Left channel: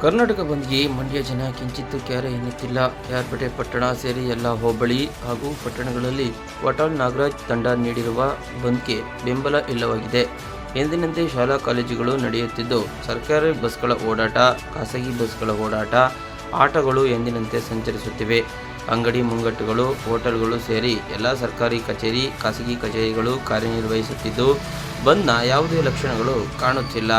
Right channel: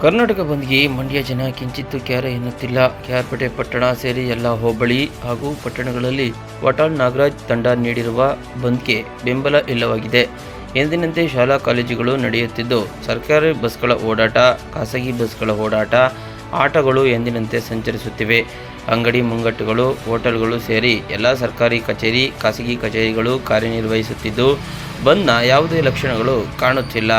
ಕರ್ನಾಟಕ ಬಂದ್ಗೆ ಮಂಡ್ಯ ಜನ ಕಿಂಚಿತ್ತೂ ಕ್ಯಾರೆ ಎನ್ನುತ್ತಿಲ್ಲ. ಕೆಆರ್ಪೇಟೆ ಪಟ್ಟಣ ಸೇರಿ ಎಲ್ಲ ಹೋಬಳಿ ಹಾಗೂ ಪಟ್ಟಣಗಳಲ್ಲಿ ವಾಟಾಳ್ ನಾಗರಾಜ್ ತಂಡ ನೀಡಿರುವ ಬಂದ್ಗೆ ಬೆಂಬಲ ಇಲ್ಲವಾಗಿದೆ. ಎಂದಿನಂತೆ ಶಾಲಾ ಕಾಲೇಜುಗಳು ನಡೆಯುತ್ತಿದ್ದು, ಸರ್ಕಾರಿ ಬಸ್ಗಳ ಓಡಾಟ, ಖಾಸಗಿ ಬಸ್ಗಳ ಓಡಾಟ, ಆಟೋಗಳು ಎಂದಿನಂತೆ ಸಂಚರಿಸುತ್ತಿವೆ. ಅಂಗಡಿ ಮುಂಗಟ್ಟುಗಳು, ಹೋಟೆಲ್ಗಳು ಸೇರಿ ಎಲ್ಲ ಸರ್ಕಾರಿ ಕಚೇರಿ, ಖಾಸಗಿ ಕಚೇರಿಗಳು ಕಾರ್ಯನಿರ್ವಹಿಸುತ್ತಿದ್ದು, ಬಂದ್ನ ಯಾವುದೇ ಲಕ್ಷಣಗಳು ಕಾಣುತ್ತಿಲ್ಲ.